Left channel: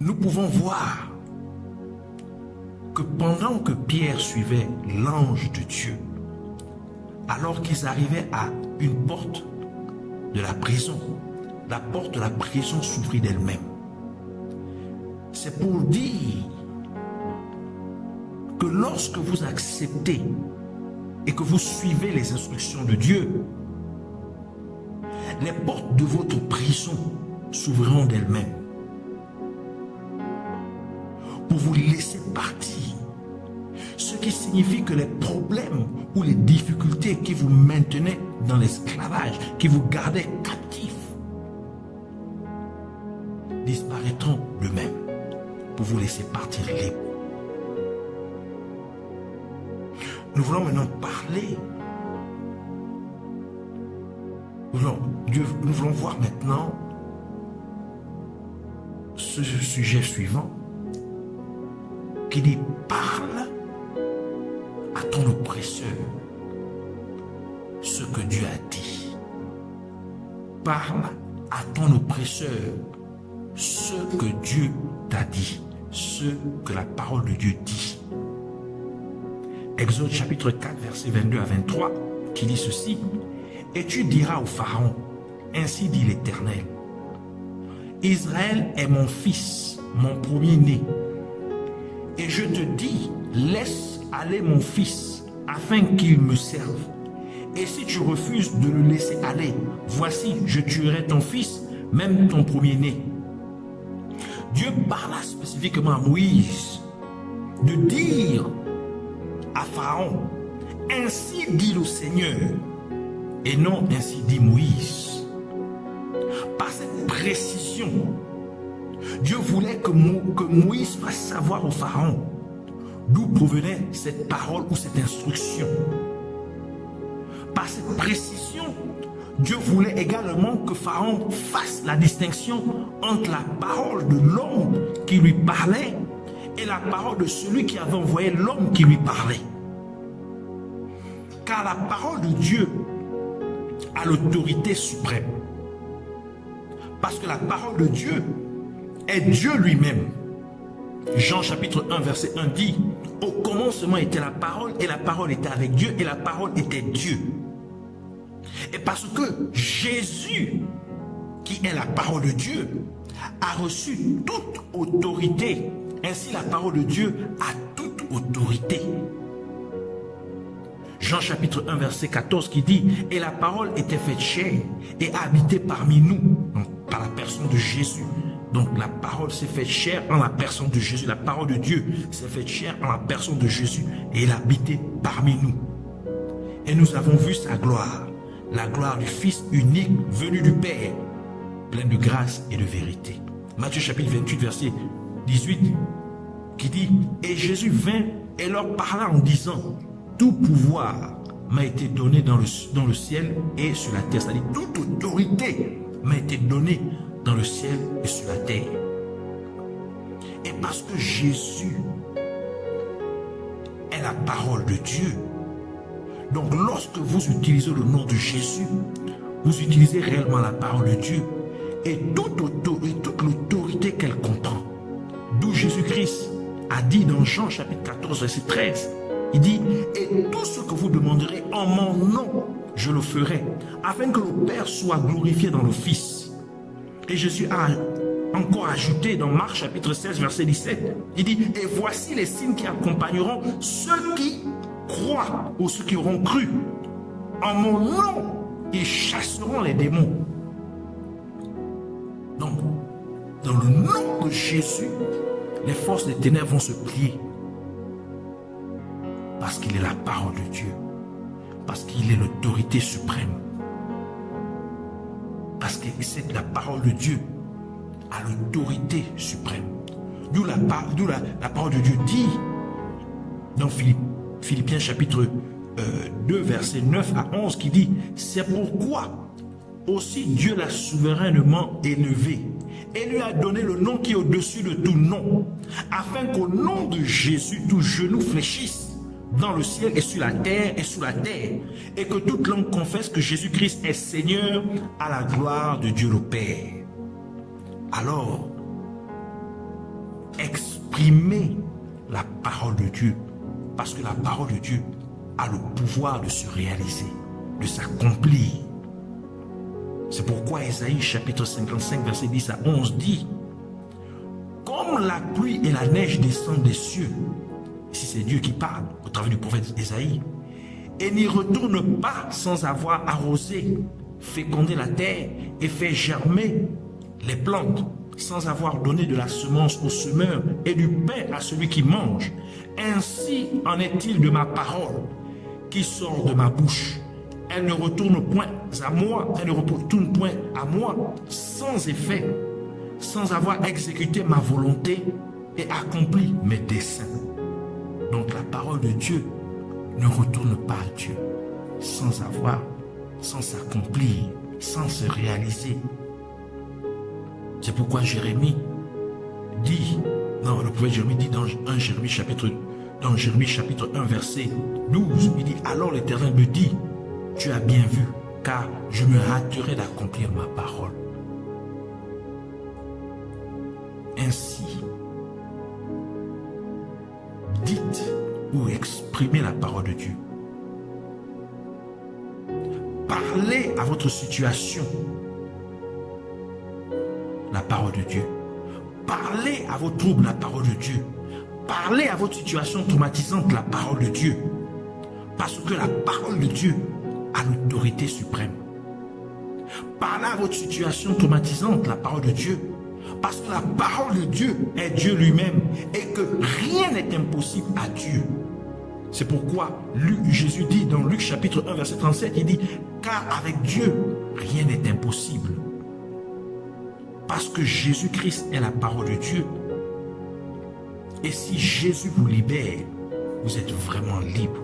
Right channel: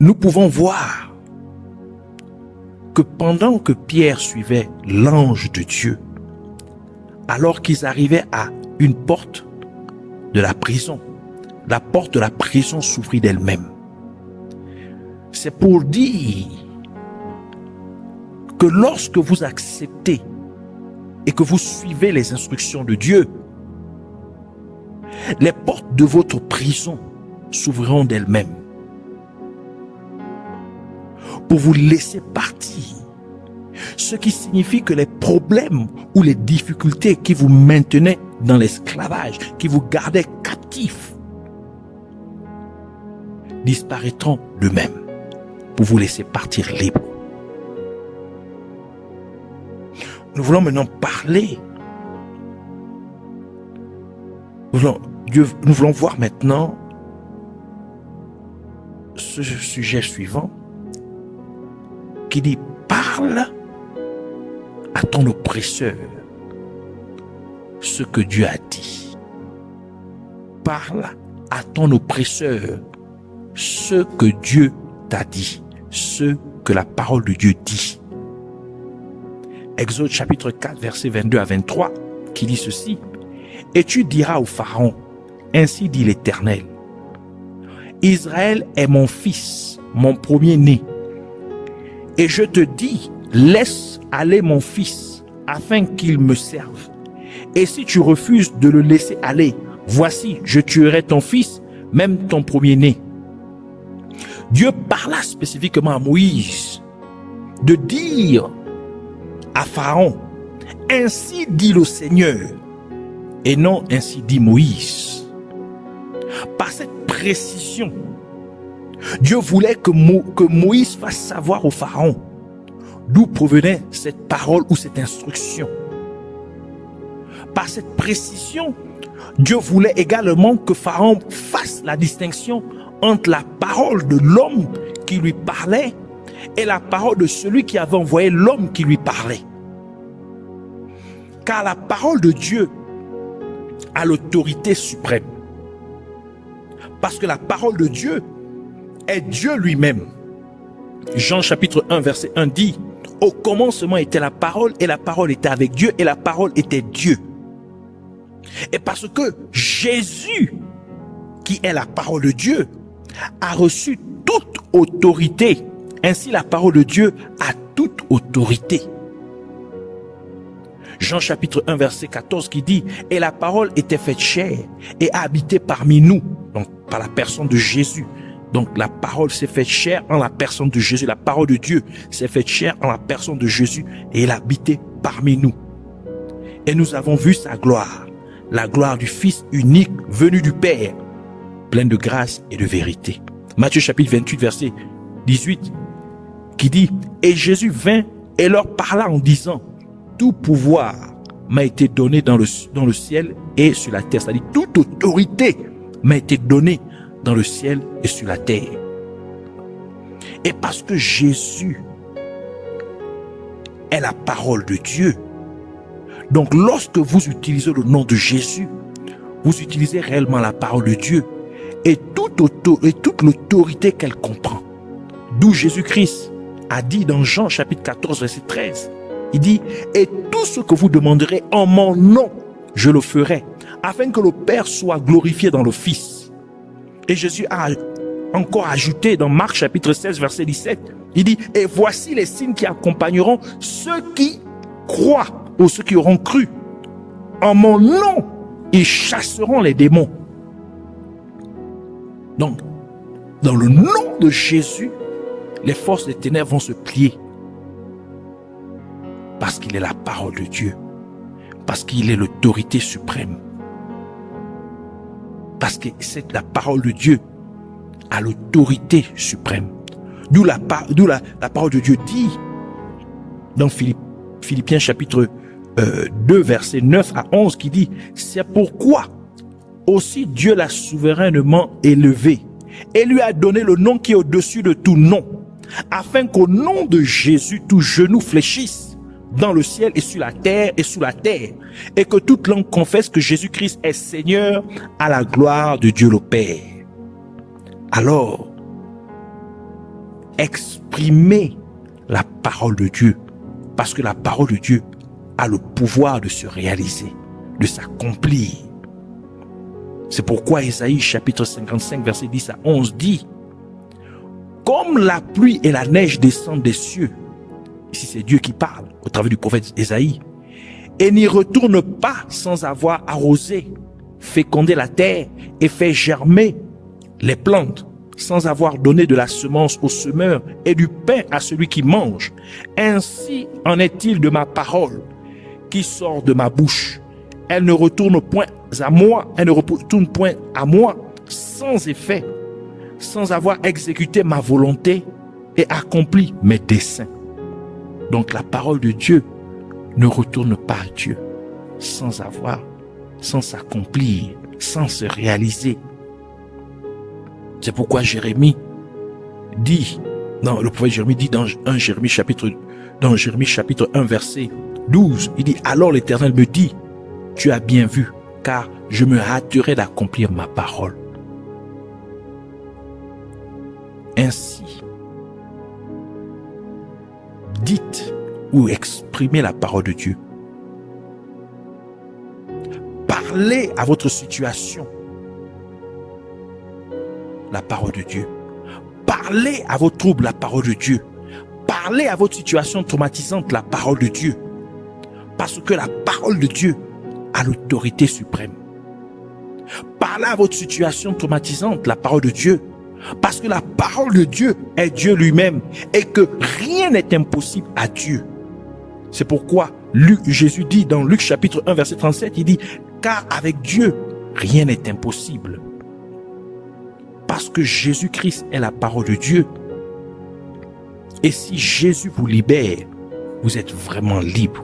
nous pouvons voir que pendant que Pierre suivait l'ange de Dieu, alors qu'ils arrivaient à une porte de la prison, la porte de la prison s'ouvrit d'elle-même. C'est pour dire que lorsque vous acceptez et que vous suivez les instructions de Dieu, les portes de votre prison s'ouvriront d'elles-mêmes pour vous laisser partir. Ce qui signifie que les problèmes ou les difficultés qui vous maintenaient dans l'esclavage, qui vous gardaient captifs, disparaîtront d'eux-mêmes pour vous laisser partir libre. Nous voulons maintenant parler. Nous voulons voir maintenant ce sujet suivant qui dit: parle à ton oppresseur ce que Dieu a dit. Parle à ton oppresseur ce que Dieu t'a dit, ce que la parole de Dieu dit. Exode chapitre 4, versets 22 à 23, qui dit ceci: et tu diras au Pharaon, ainsi dit l'Éternel, Israël est mon fils, mon premier-né. Et je te dis, laisse aller mon fils, afin qu'il me serve. Et si tu refuses de le laisser aller, voici, je tuerai ton fils, même ton premier-né. Dieu parla spécifiquement à Moïse de dire à Pharaon, ainsi dit le Seigneur, et non ainsi dit Moïse. Par cette précision, Dieu voulait que Moïse fasse savoir au Pharaon d'où provenait cette parole ou cette instruction. Par cette précision, Dieu voulait également que Pharaon fasse la distinction entre la parole de l'homme qui lui parlait et la parole de celui qui avait envoyé l'homme qui lui parlait. Car la parole de Dieu a l'autorité suprême. Parce que la parole de Dieu est Dieu lui-même. Jean chapitre 1 verset 1 dit: au commencement était la parole, et la parole était avec Dieu, et la parole était Dieu. Et parce que Jésus, qui est la parole de Dieu, a reçu toute autorité, ainsi la parole de Dieu a toute autorité. Jean chapitre 1 verset 14 qui dit: et la parole était faite chair et a habité parmi nous, donc par la personne de Jésus. Donc la parole s'est faite chair en la personne de Jésus. La parole de Dieu s'est faite chair en la personne de Jésus et elle habitait parmi nous. Et nous avons vu sa gloire, la gloire du Fils unique venu du Père, plein de grâce et de vérité. Matthieu chapitre 28 verset 18 qui dit: et Jésus vint et leur parla en disant: tout pouvoir m'a été donné dans le ciel et sur la terre. C'est-à-dire toute autorité m'a été donnée dans le ciel et sur la terre. Et parce que Jésus est la parole de Dieu, donc lorsque vous utilisez le nom de Jésus, vous utilisez réellement la parole de Dieu et toute l'autorité qu'elle comprend. D'où Jésus-Christ a dit dans Jean chapitre 14 verset 13, il dit: et tout ce que vous demanderez en mon nom, je le ferai, afin que le Père soit glorifié dans le Fils. Et Jésus a encore ajouté dans Marc chapitre 16 verset 17, il dit: et voici les signes qui accompagneront ceux qui croient ou ceux qui auront cru. En mon nom, ils chasseront les démons. Donc, dans le nom de Jésus, les forces des ténèbres vont se plier. Parce qu'il est la parole de Dieu. Parce qu'il est l'autorité suprême. Parce que c'est la parole de Dieu à l'autorité suprême. D'où la parole de Dieu dit dans Philippiens chapitre 2 verset 9 à 11 qui dit: c'est pourquoi aussi Dieu l'a souverainement élevé et lui a donné le nom qui est au-dessus de tout nom, afin qu'au nom de Jésus tout genou fléchisse dans le ciel et sur la terre et sous la terre, et que toute langue confesse que Jésus-Christ est Seigneur, à la gloire de Dieu le Père. Alors, exprimer la parole de Dieu. Parce que la parole de Dieu a le pouvoir de se réaliser, de s'accomplir. C'est pourquoi Ésaïe chapitre 55 verset 10 à 11 dit: comme la pluie et la neige descendent des cieux, ici c'est Dieu qui parle au travers du prophète Ésaïe, et n'y retourne pas sans avoir arrosé, fécondé la terre et fait germer les plantes, sans avoir donné de la semence au semeur et du pain à celui qui mange. Ainsi en est-il de ma parole qui sort de ma bouche. Elle ne retourne point à moi, elle ne retourne point à moi sans effet, sans avoir exécuté ma volonté et accompli mes desseins. Donc la parole de Dieu ne retourne pas à Dieu sans s'accomplir, sans se réaliser. C'est pourquoi Jérémie dit, le prophète Jérémie dit dans Jérémie chapitre 1 verset 12, il dit: alors l'Éternel me dit, tu as bien vu, car je me hâterai d'accomplir ma parole. Ainsi, dites ou exprimez la parole de Dieu. Parlez à votre situation la parole de Dieu. Parlez à vos troubles la parole de Dieu. Parlez à votre situation traumatisante la parole de Dieu. Parce que la parole de Dieu a l'autorité suprême. Parlez à votre situation traumatisante la parole de Dieu. Parce que la parole de Dieu est Dieu lui-même et que rien n'est impossible à Dieu. C'est pourquoi Jésus dit dans Luc chapitre 1 verset 37, il dit: car avec Dieu rien n'est impossible. Parce que Jésus-Christ est la parole de Dieu. Et si Jésus vous libère, vous êtes vraiment libre.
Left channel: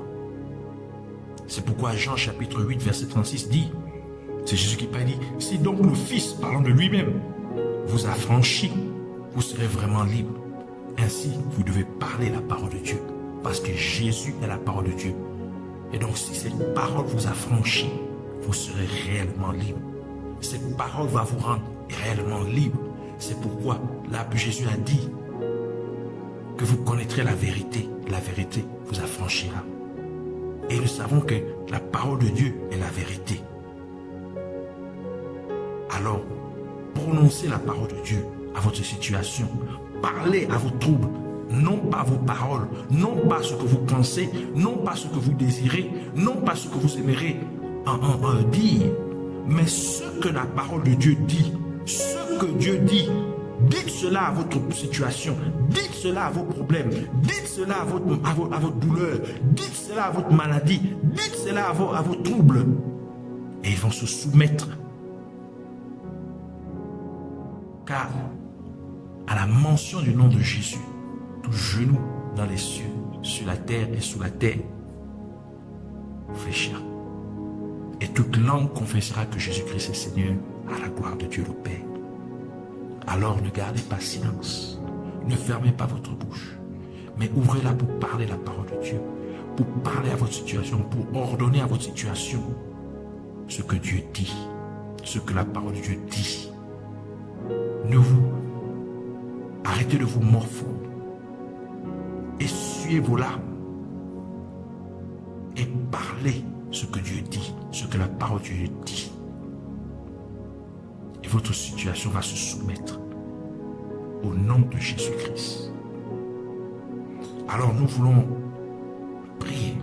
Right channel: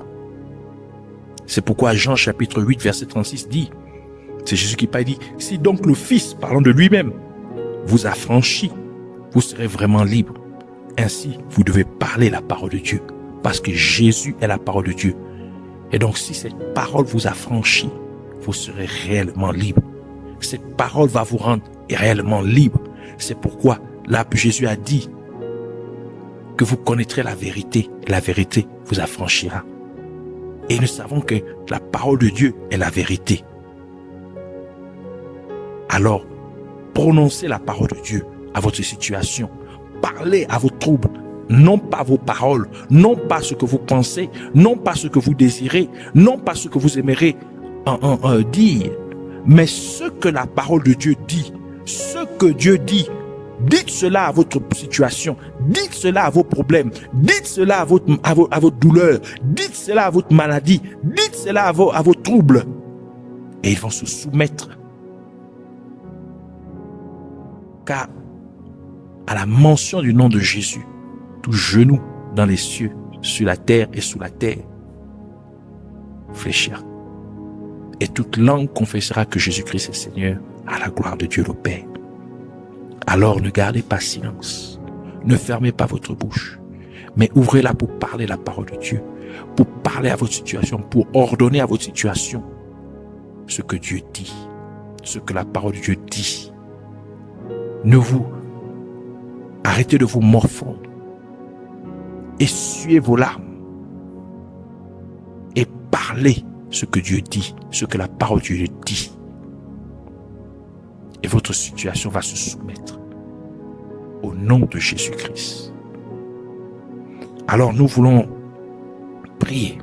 C'est pourquoi Jean chapitre 8 verset 36 dit, c'est Jésus qui parle, dit: si donc le Fils, parlant de lui-même, vous affranchit, vous serez vraiment libre. Ainsi, vous devez parler la parole de Dieu, parce que Jésus est la parole de Dieu. Et donc, si cette parole vous affranchit, vous serez réellement libre. Cette parole va vous rendre réellement libre. C'est pourquoi là, Jésus a dit que vous connaîtrez la vérité vous affranchira. Et nous savons que la parole de Dieu est la vérité. Alors, prononcez la parole de Dieu à votre situation. Parlez à vos troubles, non pas vos paroles, non pas ce que vous pensez, non pas ce que vous désirez, non pas ce que vous aimeriez dire, mais ce que la parole de Dieu dit, ce que Dieu dit. Dites cela à votre situation, dites cela à vos problèmes, dites cela à votre douleur, dites cela à votre maladie, dites cela à vos troubles. Et ils vont se soumettre. Car à la mention du nom de Jésus, tout genou dans les cieux, sur la terre et sous la terre fléchira. Et toute langue confessera que Jésus-Christ est Seigneur, à la gloire de Dieu le Père. Alors ne gardez pas silence, ne fermez pas votre bouche, mais ouvrez-la pour parler la parole de Dieu, pour parler à votre situation, pour ordonner à votre situation ce que Dieu dit, ce que la parole de Dieu dit. Arrêtez de vous morfondre, essuyez vos larmes et parlez ce que Dieu dit, ce que la parole de Dieu dit. Et votre situation va se soumettre au nom de Jésus-Christ. Alors nous voulons prier,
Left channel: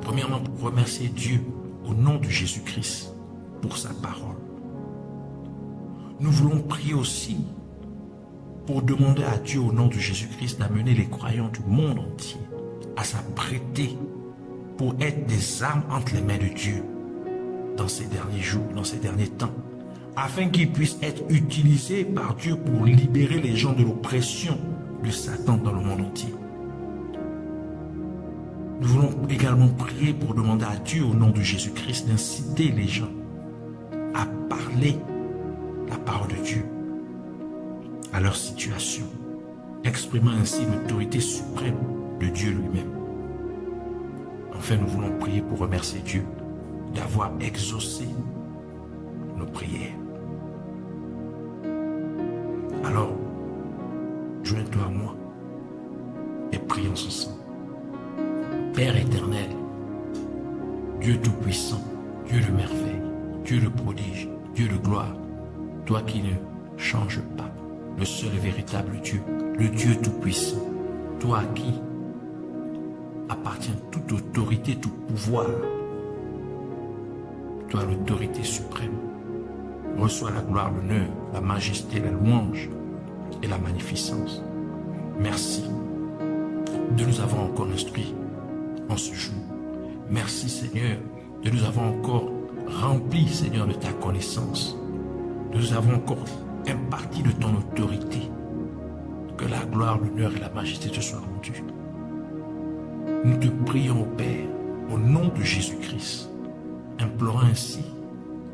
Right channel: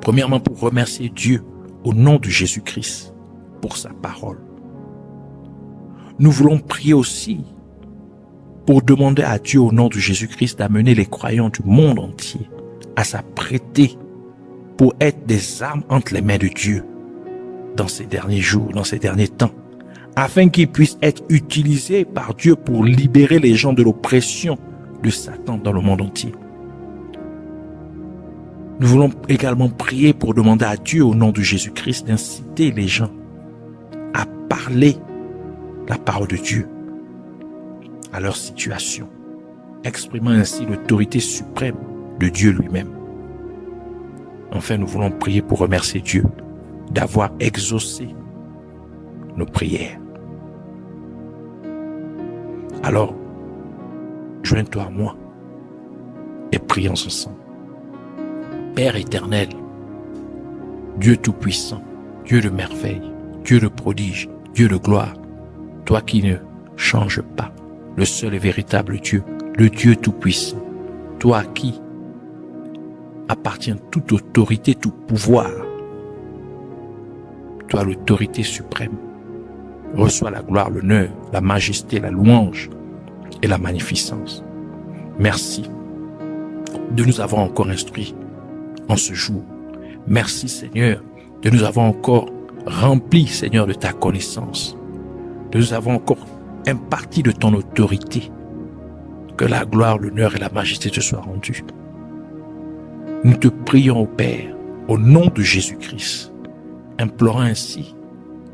premièrement pour remercier Dieu au nom de Jésus-Christ pour sa parole. Nous voulons prier aussi pour demander à Dieu au nom de Jésus-Christ d'amener les croyants du monde entier à s'apprêter pour être des âmes entre les mains de Dieu dans ces derniers jours, dans ces derniers temps, afin qu'ils puissent être utilisés par Dieu pour libérer les gens de l'oppression de Satan dans le monde entier. Nous voulons également prier pour demander à Dieu au nom de Jésus-Christ d'inciter les gens à parler la parole de Dieu à leur situation, exprimant ainsi l'autorité suprême de Dieu lui-même. Enfin, nous voulons prier pour remercier Dieu d'avoir exaucé nos prières. Alors, joins-toi à moi et prions ensemble. Père éternel, Dieu tout-puissant, Dieu de merveille, Dieu de prodige, Dieu de gloire, toi qui ne changes pas, le seul et véritable Dieu, le Dieu tout-puissant, toi à qui appartient toute autorité, tout pouvoir, toi l'autorité suprême, reçois la gloire, l'honneur, la majesté, la louange et la magnificence. Merci de nous avoir encore instruits en ce jour. Merci Seigneur de nous avoir encore remplis, Seigneur, de ta connaissance, de nous avoir encore imparti de ton autorité. Que la gloire, l'honneur et la majesté te soient rendues. Nous te prions, Père, au nom de Jésus-Christ, implorant ainsi,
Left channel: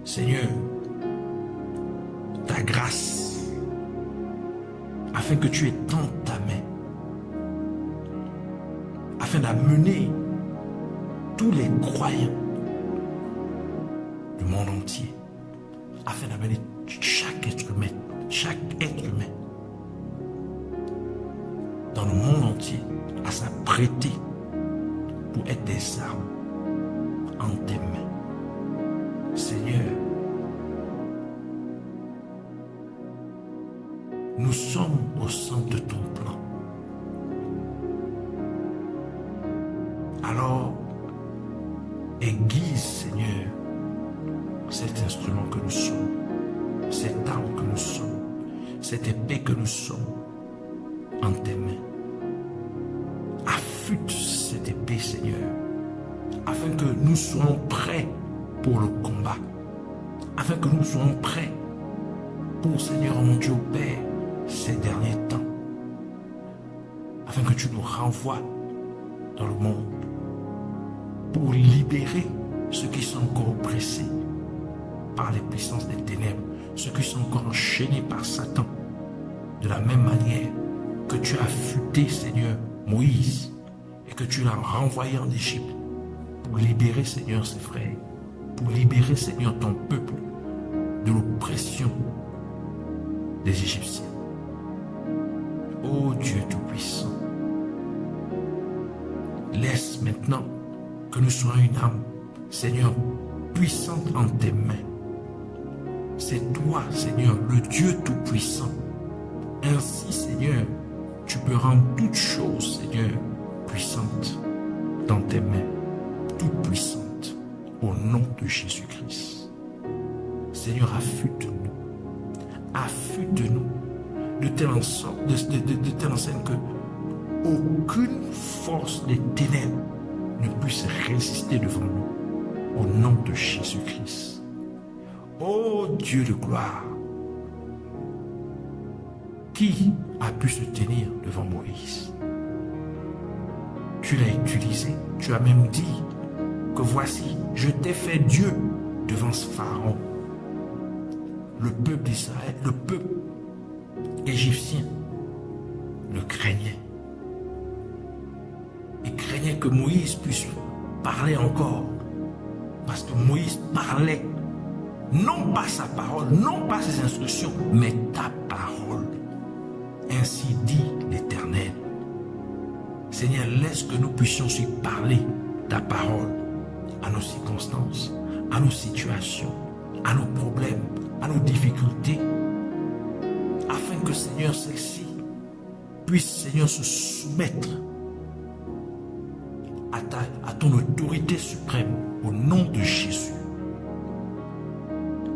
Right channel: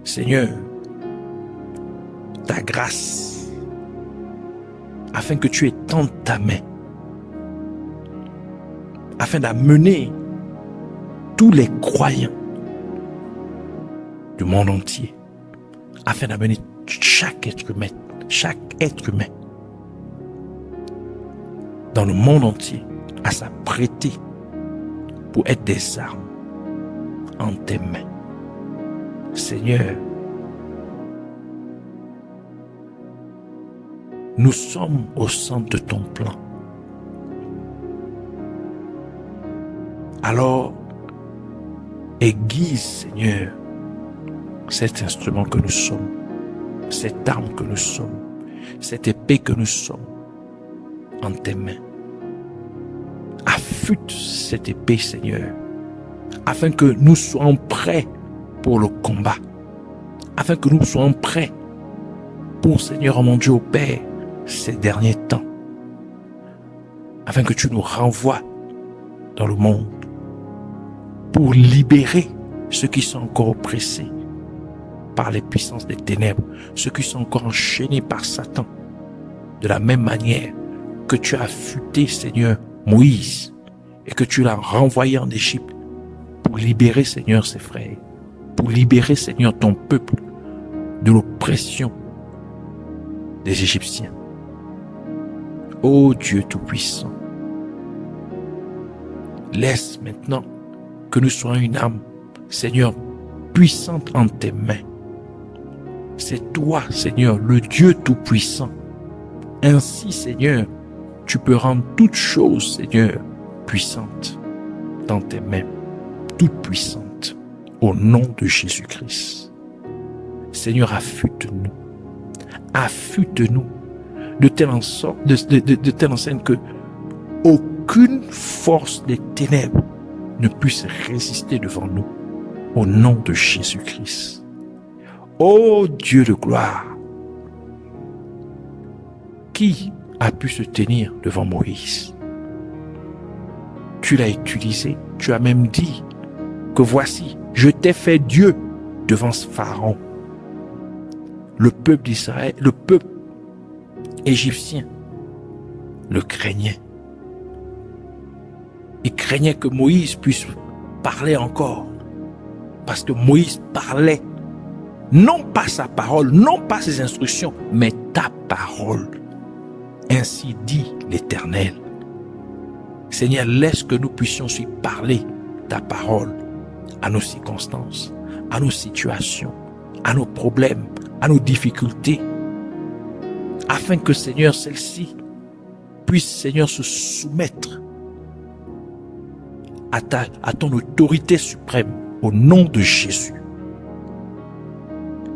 Seigneur, ta grâce, afin que tu étendes ta main, afin d'amener tous les croyants du monde entier, afin d'amener chaque être humain dans le monde entier à s'apprêter pour être des armes en tes mains. Seigneur, nous sommes au centre de ton plan. Alors, aiguise, Seigneur, cet instrument que nous sommes, cette arme que nous sommes, cette épée que nous sommes en tes mains. Affûte cette épée, Seigneur, afin que nous soyons prêts pour le combat, afin que nous soyons prêts pour, Seigneur, mon Dieu, au Père, ces derniers temps, afin que tu nous renvoies dans le monde pour libérer ceux qui sont encore oppressés par les puissances des ténèbres, ceux qui sont encore enchaînés par Satan, de la même manière que tu as affûté, Seigneur, Moïse, et que tu l'as renvoyé en Égypte pour libérer, Seigneur, ses frères, pour libérer, Seigneur, ton peuple de l'oppression des Égyptiens. Ô Dieu Tout-Puissant, laisse maintenant que nous soyons une âme, Seigneur, puissante en tes mains. C'est toi, Seigneur, le Dieu Tout-Puissant. Ainsi, Seigneur, tu peux rendre toutes choses, Seigneur, puissantes dans tes mains, toutes puissantes, au nom de Jésus-Christ. Seigneur, affûte-nous de telle enseigne que aucune force des ténèbres ne puisse résister devant nous, au nom de Jésus-Christ. Ô Dieu de gloire, qui a pu se tenir devant Moïse? Tu l'as utilisé, tu as même dit que voici, je t'ai fait Dieu devant ce Pharaon. Le peuple d'Israël, le peuple égyptien le craignait. Il craignait que Moïse puisse parler encore. Parce que Moïse parlait, non pas sa parole, non pas ses instructions, mais ta parole. Ainsi dit l'Éternel. Seigneur, laisse que nous puissions aussi parler ta parole à nos circonstances, à nos situations, à nos problèmes, à nos difficultés, afin que, Seigneur, celle-ci puisse, Seigneur, se soumettre à ton autorité suprême, au nom de Jésus.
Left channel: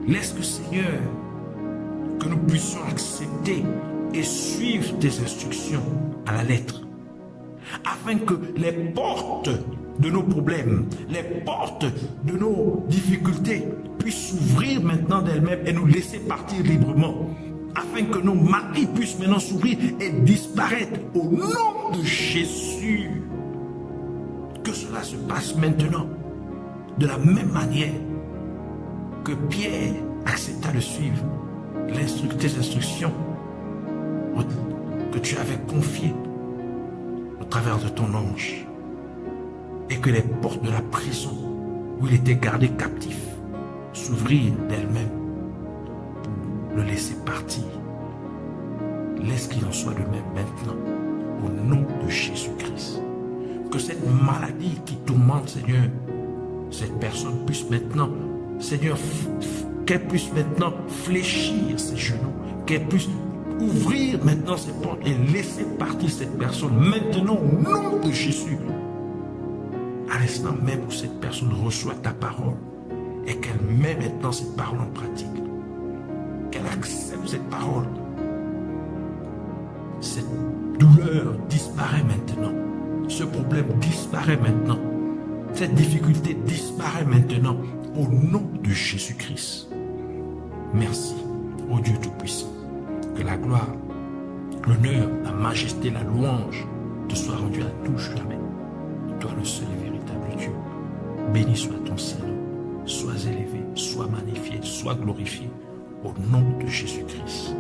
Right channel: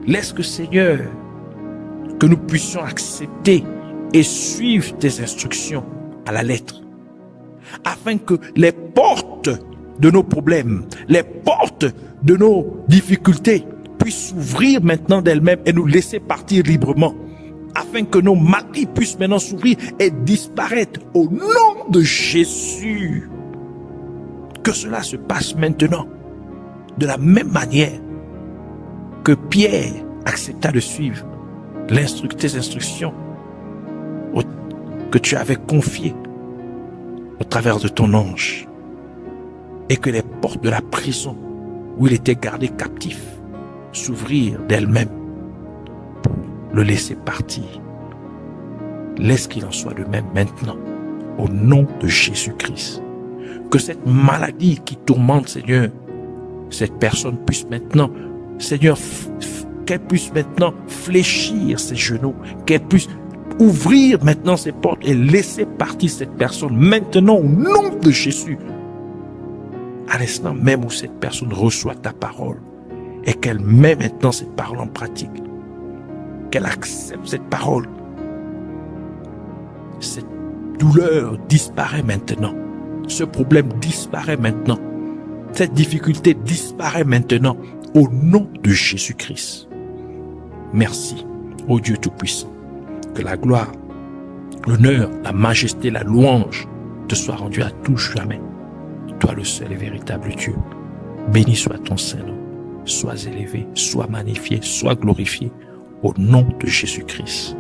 Laisse que, Seigneur, que nous puissions accepter et suivre tes instructions à la lettre, afin que les portes de nos problèmes, les portes de nos difficultés puissent s'ouvrir maintenant d'elles-mêmes et nous laisser partir librement, afin que nos maris puissent maintenant s'ouvrir et disparaître au nom de Jésus. Que cela se passe maintenant de la même manière que Pierre accepta de suivre tes instructions que tu avais confiées au travers de ton ange, et que les portes de la prison où il était gardé captif s'ouvrirent d'elles-mêmes pour le laisser partir. Laisse qu'il en soit de même maintenant, au nom de Jésus-Christ. Que cette maladie qui tourmente, Seigneur, cette personne puisse maintenant, Seigneur, qu'elle puisse maintenant fléchir ses genoux, qu'elle puisse ouvrir maintenant ses portes et laisser partir cette personne maintenant au nom de Jésus. À l'instant même où cette personne reçoit ta parole et qu'elle met maintenant cette parole en pratique, qu'elle accepte cette parole, cette douleur disparaît maintenant, ce problème disparaît maintenant, cette difficulté disparaît maintenant au nom de Jésus-Christ. Merci, ô Dieu Tout-Puissant, que la gloire, l'honneur, la majesté, la louange te soient rendues à tout jamais. Toi le seul et véritable Dieu. Béni soit ton Saint-Nom. Sois élevé, sois magnifié, sois glorifié au nom de Jésus-Christ.